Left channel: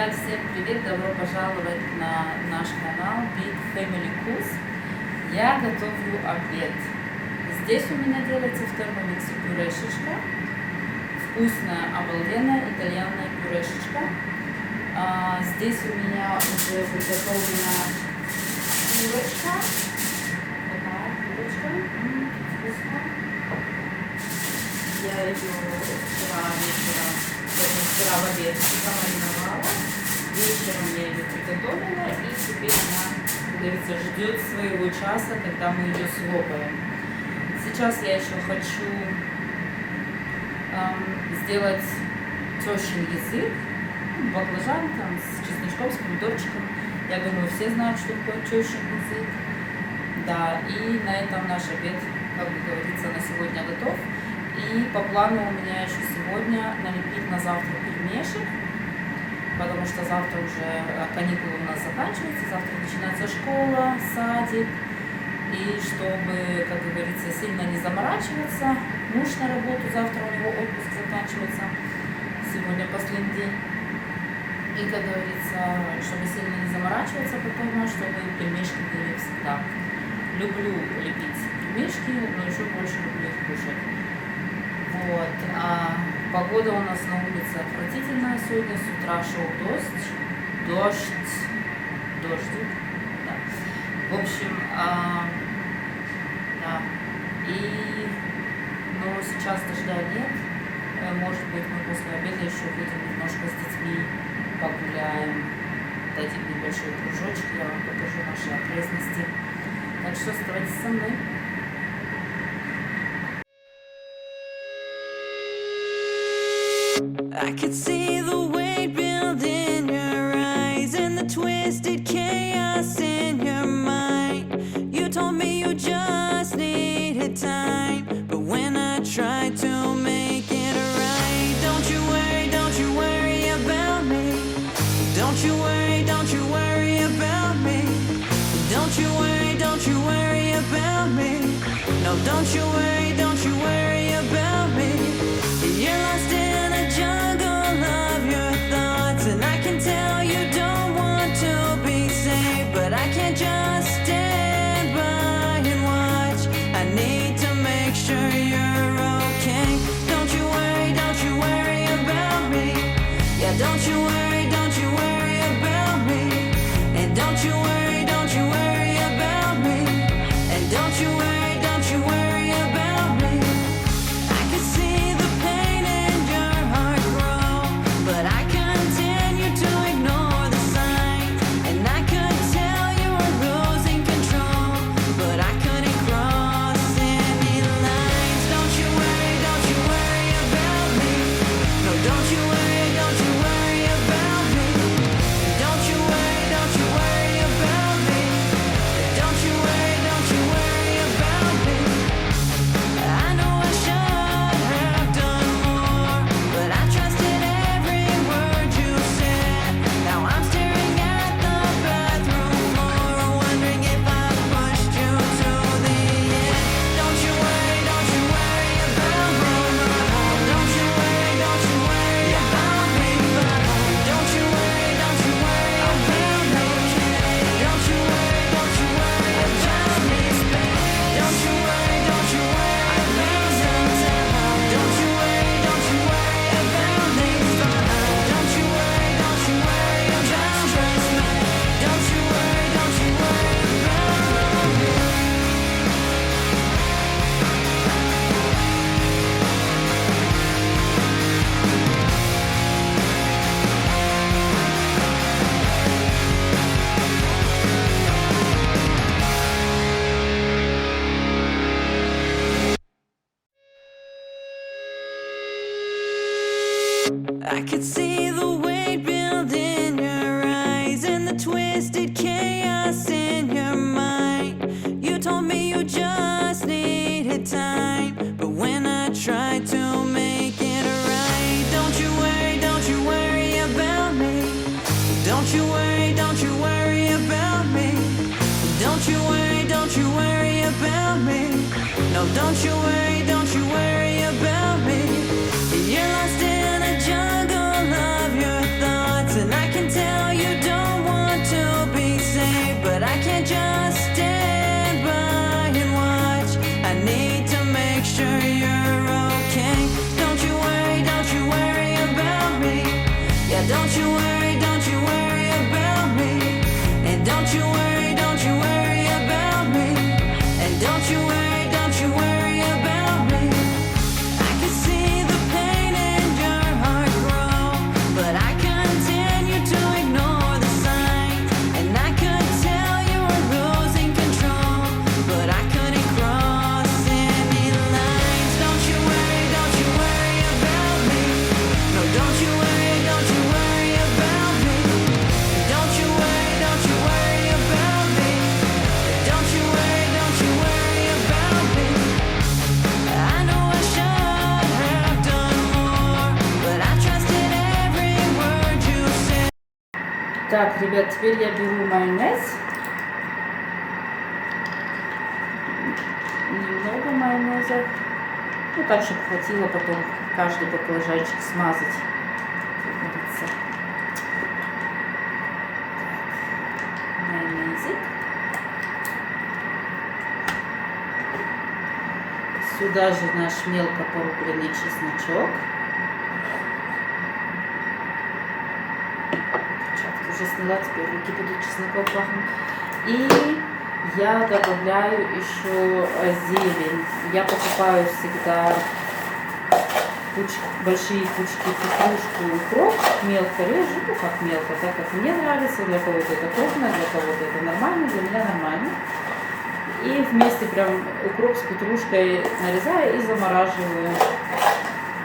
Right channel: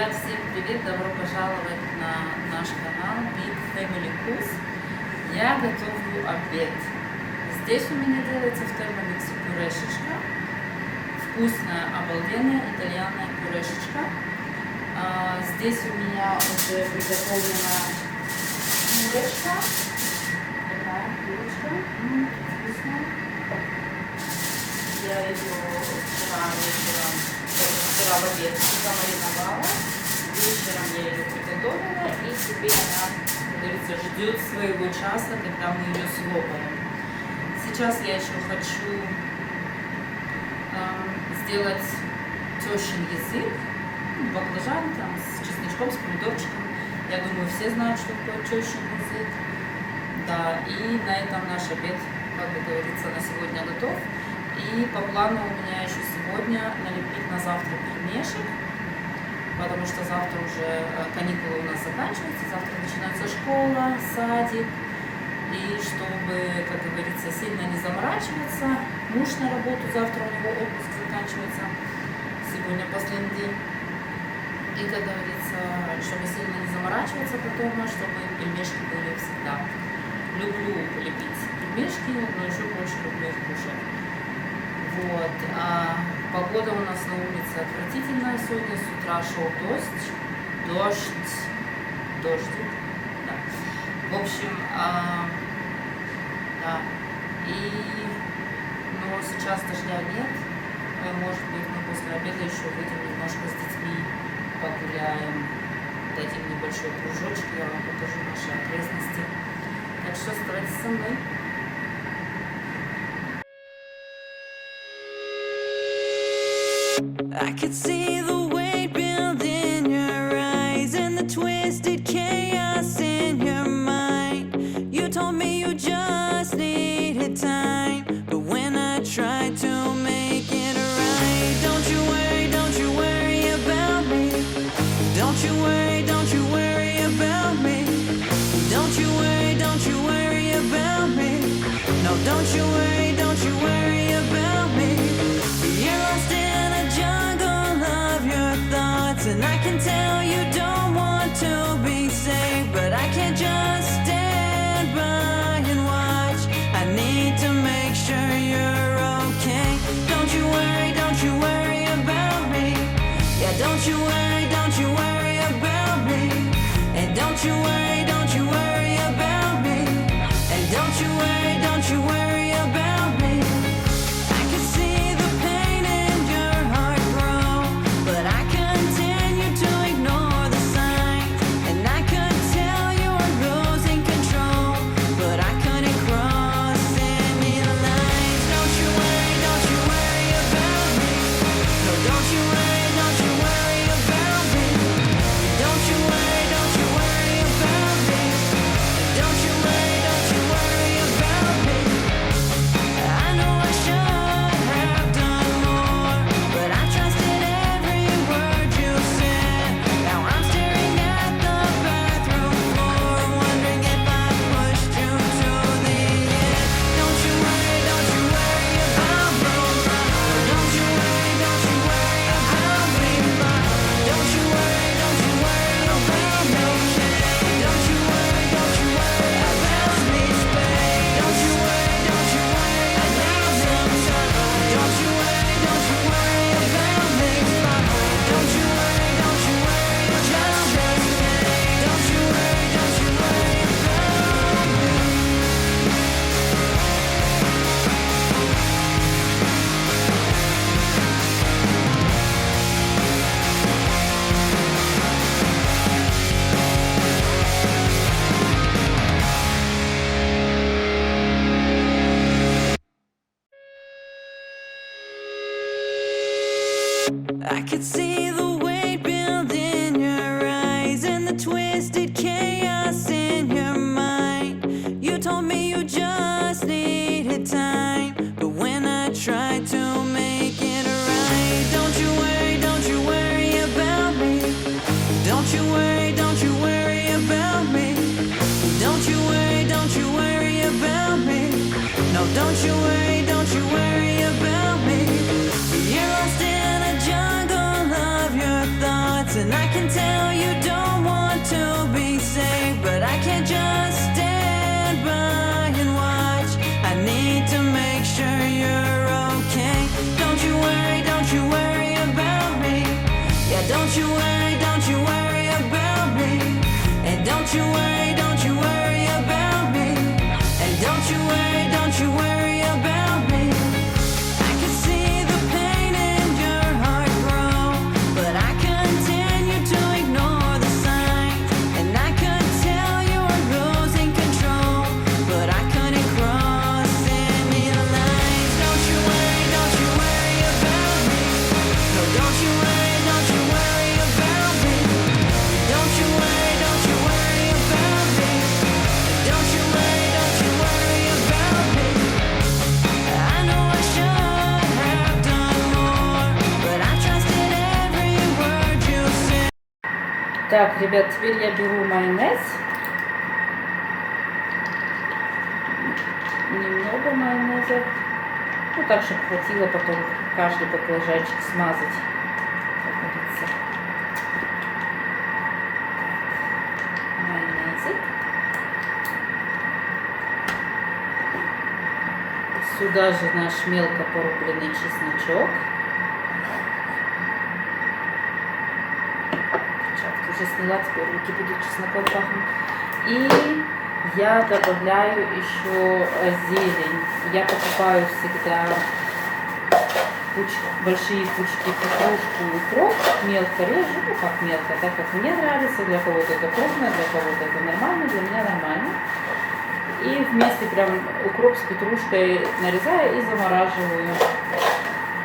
Ребят, всем привет! Добро пожаловать на наш канал Big Family Cooks. Я готовлю обед. Здесь у меня делается в термомиксе пюрешечка. Вкусная, обалденная итальянная пюрешечка. Здесь у меня уже приготовлена курочка. Такая курочка. Вкусная. Я ее вчера вечером, вчера в обед замариновала. Вечером я ее приготовила, и теперь она, как говорится, ждет своего часа, когда мы ее слопаем. Сейчас я еще хочу сделать тещин язык, баклажан там с чесночком, с помидорчиком. Я думаю, все знают, что такое тещин язык. Да, и на этом наш обед, как бы говорится, на сегодня готов. И по плану у меня еще сегодня налепить на завтра пельмешек, потому что завтра уже каникулы у нас заканчиваются, завтра начинается школа, садик. И чтобы, как говорится, сильно не заморачиваться, муж на работу, завтра у него отпуск заканчивается, сегодня последний день. И, как говорится, чтобы сильно не заморачиваться потом, чтобы пельмешки были всегда. Люблю лепить пельмешки, но еще больше люблю их кушать. Вот. А погода у нас на улице отвратительная сегодня. С утра шел дождик. Да. В общем, да. И, ну, сейчас дождя нет. Может быть, мы после обеда еще выйдем немножко с детьми, погуляем, дадим небольшой кружочек, я вам покажу наши окрестности. Так что оставайтесь со мной. I could see the weight build in your eyes and the twisted chaos in your mind. You told me you just needed time, but when I tried to make it right, don't you worry about me. Don't you worry about me. Don't you worry about me. No, don't you worry about me. You're lost in a jungle of your thoughts, and I can tell you don't want to be saved, but I can't just stand by and watch. I need to make sure you're okay. Don't you worry about me. Yeah, don't you worry about me. And don't you worry about me. And don't you worry about me. I can see the pain in your heart grow, but I continue to ignore the signs. And I could tell you were losing control, but I couldn't cross any lines. Don't you worry about me. No, don't you worry about me. And don't you worry about me. And don't you worry about me. I know I should have done more, but I trusted every word you said. Now I'm staring at the bathroom floor, wondering if I pushed you to the edge. Don't you worry about me. No, don't you worry about me. Don't you worry about me. Don't you worry about me. Don't you worry about me. Don't you worry about me. Don't you worry about me. Don't you worry about me. I could see the weight build in your eyes and the twisted chaos in your mind. You told me you just needed time, but when I tried to make it right, don't you worry about me. Don't you worry about me. Don't you worry about me. No, don't you worry about me. You're lost in a jungle all of your thoughts, and I can tell you don't want to be saved, but I can't just stand by and watch. I need to make sure you're okay. Don't you worry about me. Yeah, don't you worry about me. And don't you worry about me. And don't you worry about me. I can see the pain in your heart grow, but I continue to ignore the signs. And I could tell you were losing control, but I couldn't cross any lines. Don't you worry about me. No, don't you worry about me. Don't you worry about me. Don't you worry about me. I know I should have done more, but I trusted every word you said. Так, ребят, теперь я беру майонез. Немного майонеза. Ну, так, чтобы хватило потом каждый баклажанчик смазать, как говорится. Майонезик. Сюда же наш мелко порубленный чесночок. Перчатки уже сняла, теперь руки будут чесноком пахнуть. И я добавляю еще зелень. Я покупаю всегда большие пучки петрушки и укроп. Мелко режу, ну как мелко, так как мне нравится. Для кого-то это крупно, для кого-то это нормально, для меня нормально. И вместе прям укроп с петрушкой нарезаю и замораживаю.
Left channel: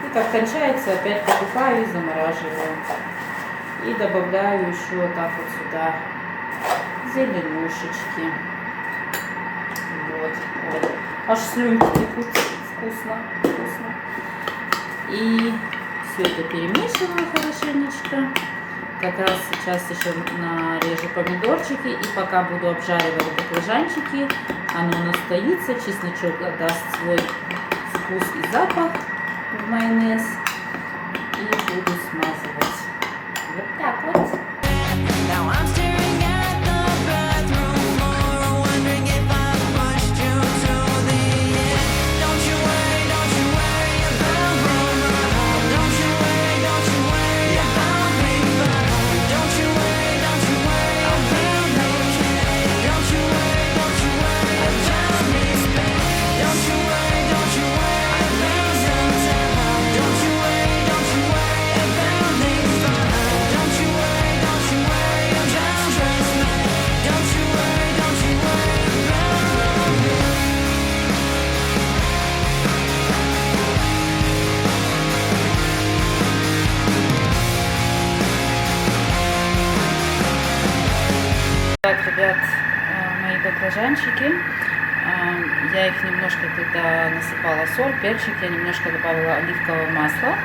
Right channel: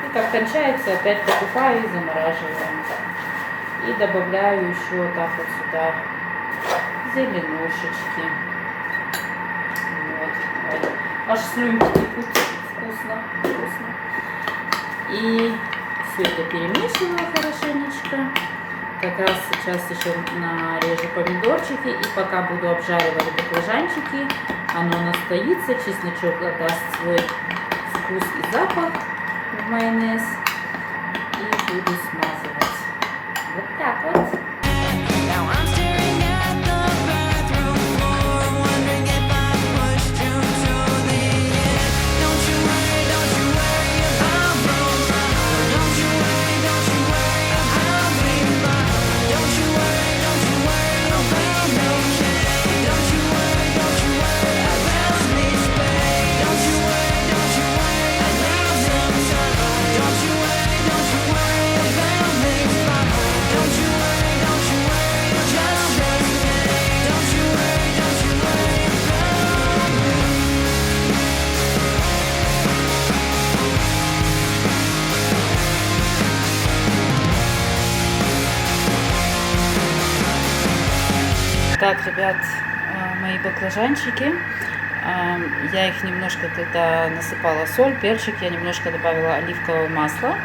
И как кончается, опять покупаю и замораживаю. И добавляю еще вот так вот сюда зеленушечки. Вот. Аж слюнки текут. Вкусно. И все это перемешиваю хорошенечко. Как раз сейчас еще нарежу помидорчики. И пока буду обжаривать баклажанчики, оно настоится. Чесночок даст свой вкус и запах в майонез. И буду смазывать. Вот так вот. Now I'm staring at the bathroom floor, wondering if I pushed you to the edge. Don't you worry about me. No, don't you worry about me. Don't you worry about me. Don't you worry about me. Don't you worry about me. Don't you worry about me. Don't you worry about me. Don't you worry about me. Так, ребят, мои баклажанчики, я их немножко, когда насыпала соль, перчик, я немножко добавила оливкового масла.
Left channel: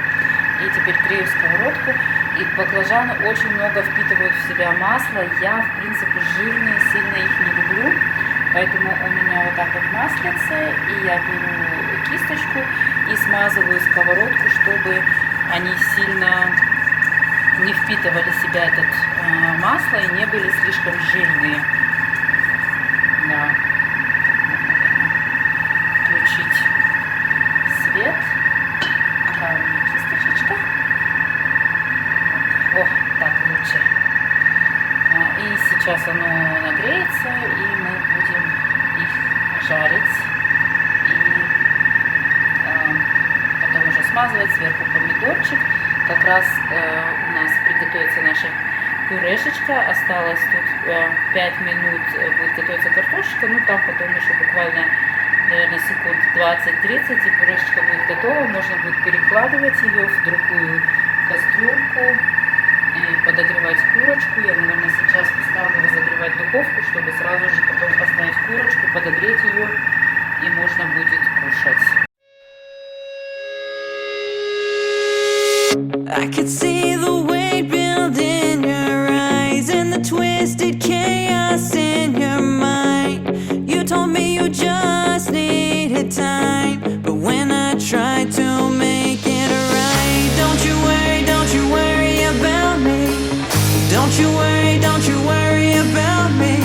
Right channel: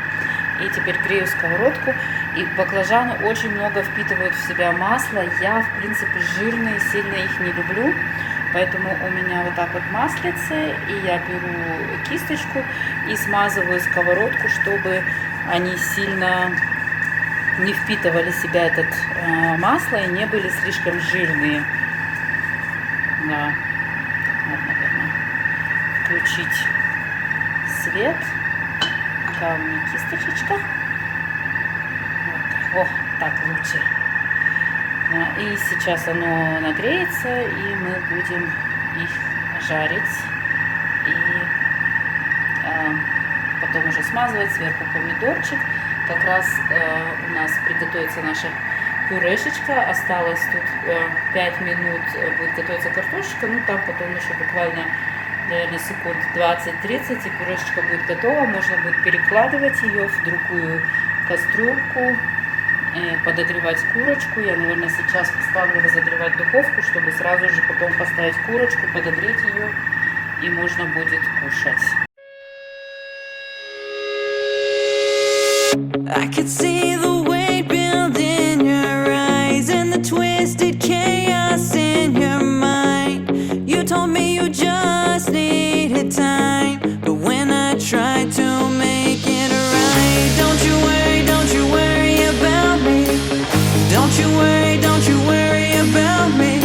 И теперь грею сковородку. И баклажаны очень много впитывают в себя масла. Я, в принципе, жирные, сильно их не люблю. Поэтому у меня вот так вот маслице. И я беру кисточку и смазываю сковородку, чтобы они сильно не впитывали в себя это масло и не были слишком жирные. Да. Вот, наверное, включить свет. Такая у меня кисточечка. Вот. О, так лучше. И сейчас оно нагреется, и мы будем их жарить. И потом уже смазывать сверху помидорчик. Как раз у нас приготовится наша пюрешечка. Осталось тут 5 минут будет готовиться картошечка. Ну там потом еще буквально, наверное, секунд 20-30, и пюрешечка будет готова. Можно будет перекладывать ее в другую кастрюльку, подогревать курочку. Я, наверное, сейчас поставлю разогревать духовку, чтобы сразу же потом поставить курочку, подогреть ее, и можно будет кушать. I could see the weight build in your eyes and the twisted chaos in your mind. You told me you just needed time, but when I try to make it right. Don't you worry about me. Don't you worry about me.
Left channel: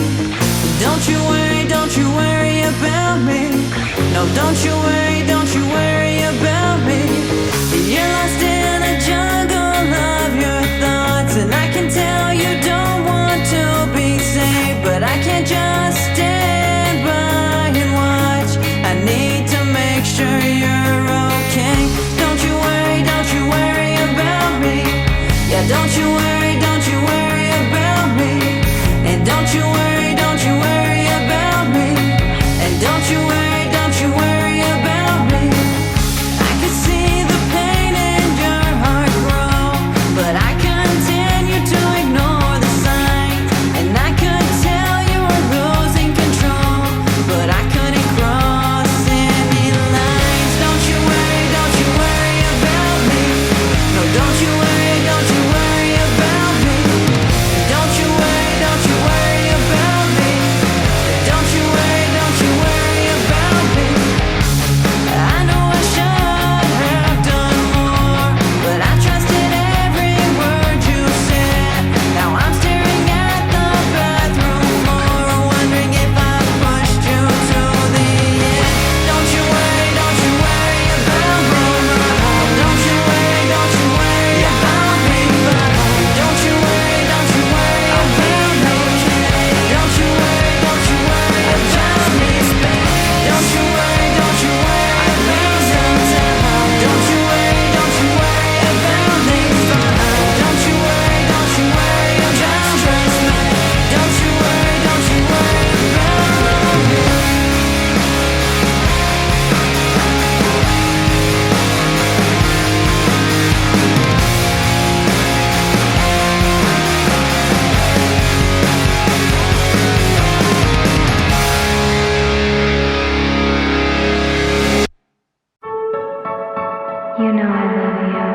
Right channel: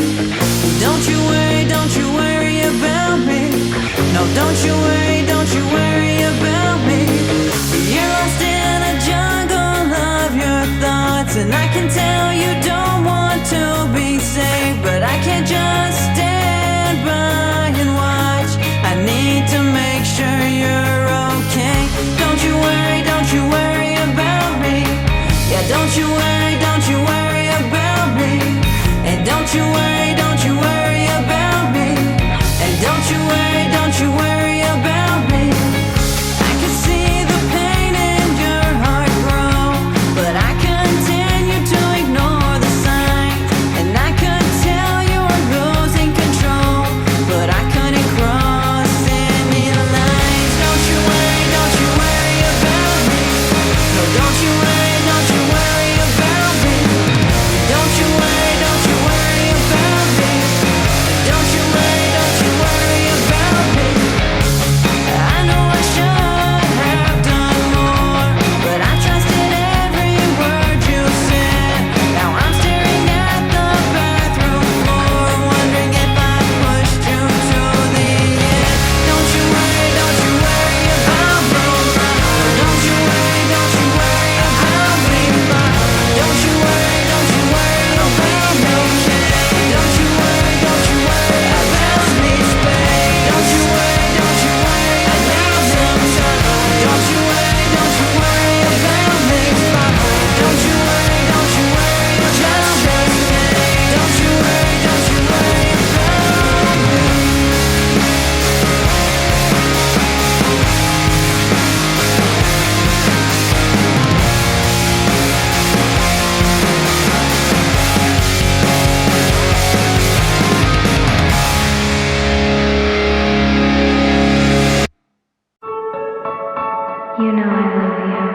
Don't you worry about me. No, don't you worry about me. You're lost in a jungle of your thoughts, and I can tell you don't want to be saved, but I can't just stand by and watch. I need to make sure you're okay. Don't you worry about me. Yeah, don't you worry about me. And don't you worry about me. And don't you worry about me. I can see the pain in your heart grow, but I continue to ignore the signs. And I could tell you were losing control, but I couldn't cross any lines. Don't you worry about me. No, don't you worry about me. Don't you worry about me. Don't you worry about me. I know I should have done more, but I trusted every word you said. Now I'm staring at the bathroom floor, wondering if I pushed you to the end. Don't you worry about me. No, don't you worry about me. Don't you worry about me. Don't you worry about me. Don't you worry about me. Don't you worry about me. Don't you worry about me. Don't you worry about me. You know I love you,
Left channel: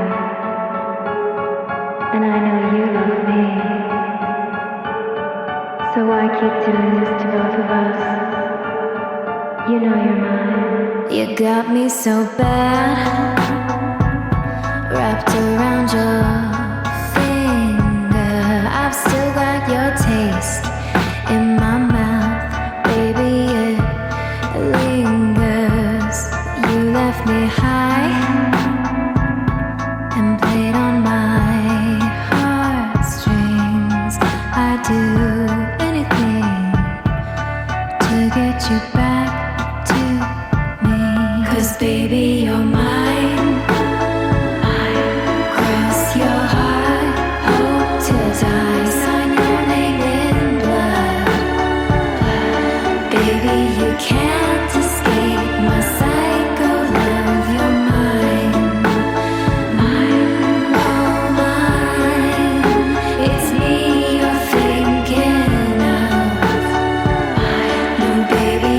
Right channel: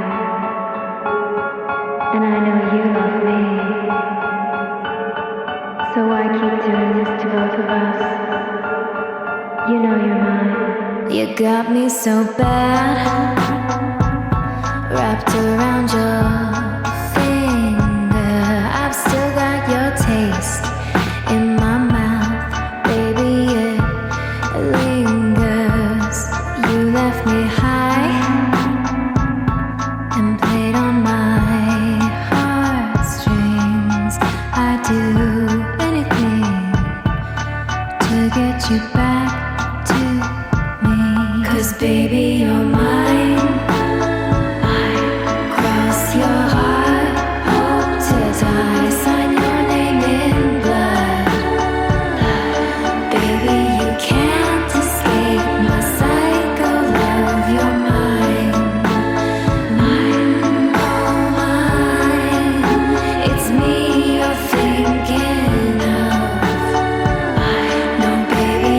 and I know you love me. So why keep doing this to both of us? You know you're mine. You got me so bad, wrapped around your finger. I've still got your taste in my mouth, baby, it lingers. You left me high and played on my heartstrings. I'd do anything to get you back to me. 'Cause baby, you're mine. Cross your heart, hope to die. Sign your name in blood. Baby, you can't escape my psycho love. You're mine. Oh, mine. It's me you're thinking of. No, baby,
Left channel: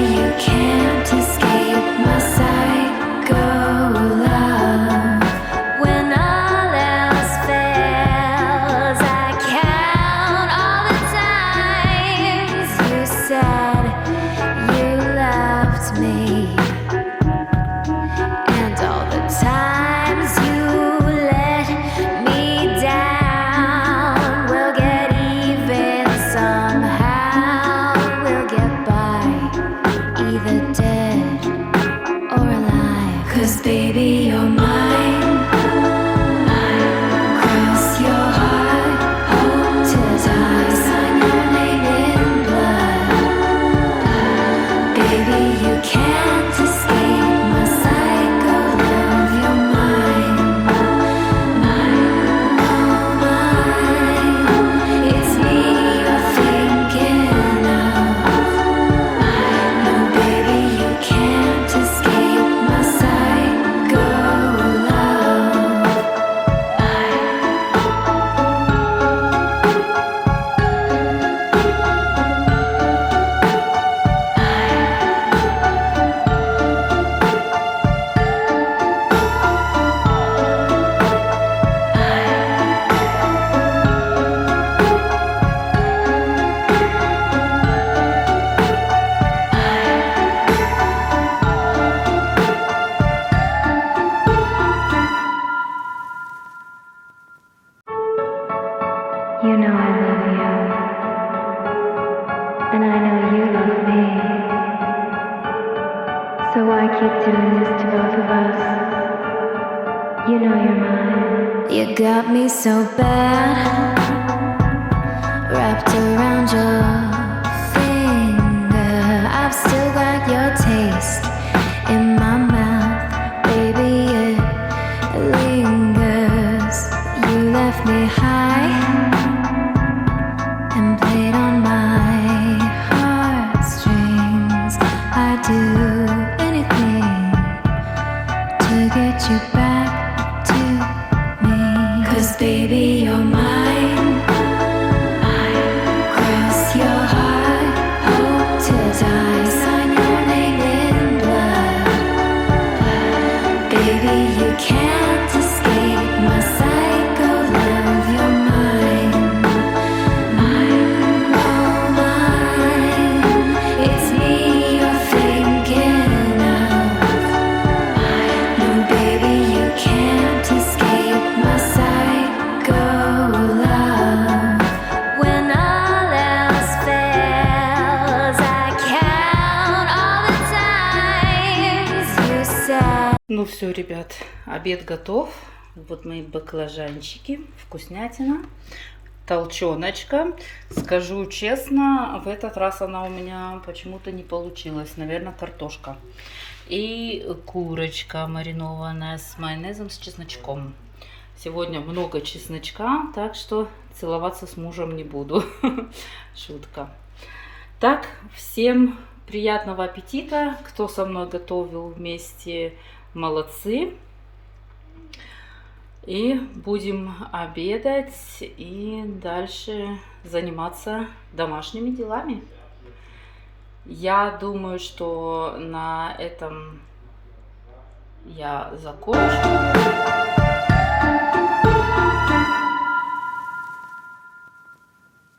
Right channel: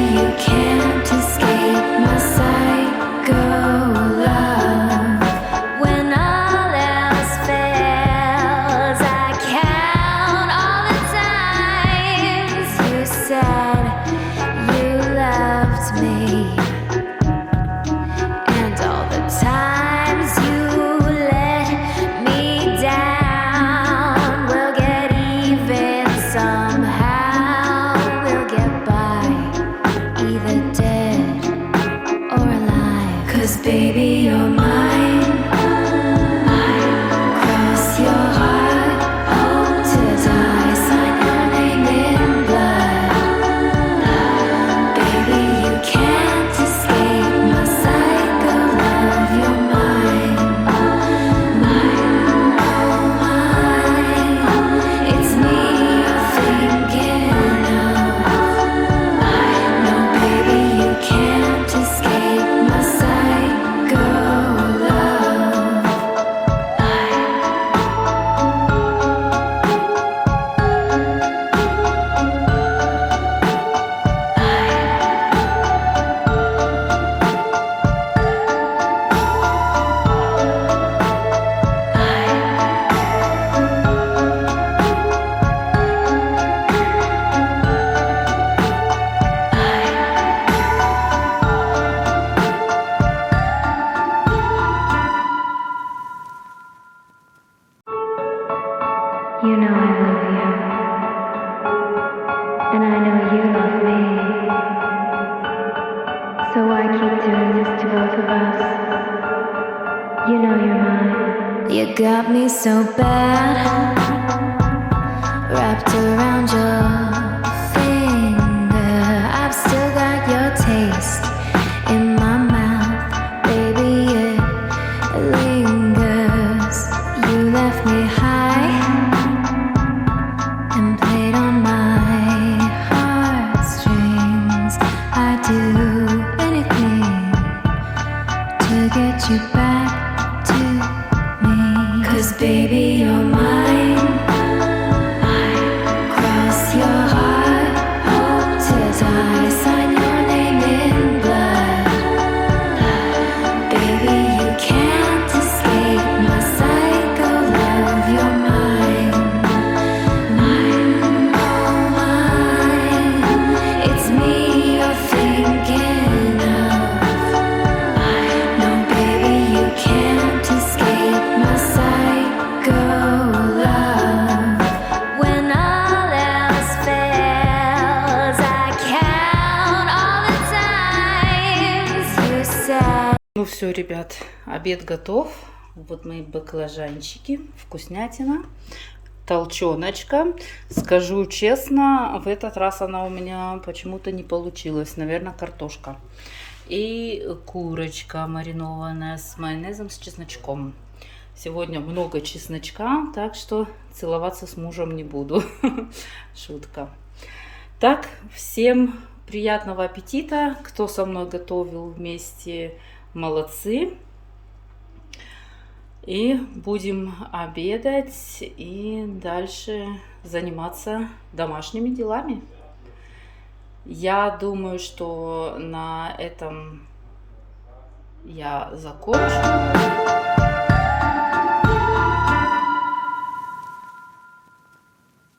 love you. And I know you love me. So why keep doing this to both of us? You know you're mine. You got me so bad, wrapped around your finger. I've still got your taste in my mouth, baby, it lingers. You left me high and played on my heartstrings. I'd do anything to get you back to me. 'Cause baby, you're mine. Cross your heart, hope to die. Sign your name in blood. Baby, you can't escape my psycho love. You're mine. Oh, mine. It's me you're thinking of. No, baby, you can't escape my psycho love. When all else fails, I count all the times you said. Ну все, ребят, обед готов. Вот мои баклажанчики, вкуснятина, толченочка. Скажу честно, в этот раз она у меня почему-то не получилась. Наверное, картошка. И курочка маринованная с майонезом, с чесночком. Сегодня много чесночка, так что целоваться с мужем не буду. Шутка. Так, всем приятного аппетита. Кто со мной готовил вместе, молодцы. И будем обедать и дальше заниматься домашними делами. Я думаю, что на этом я закончу.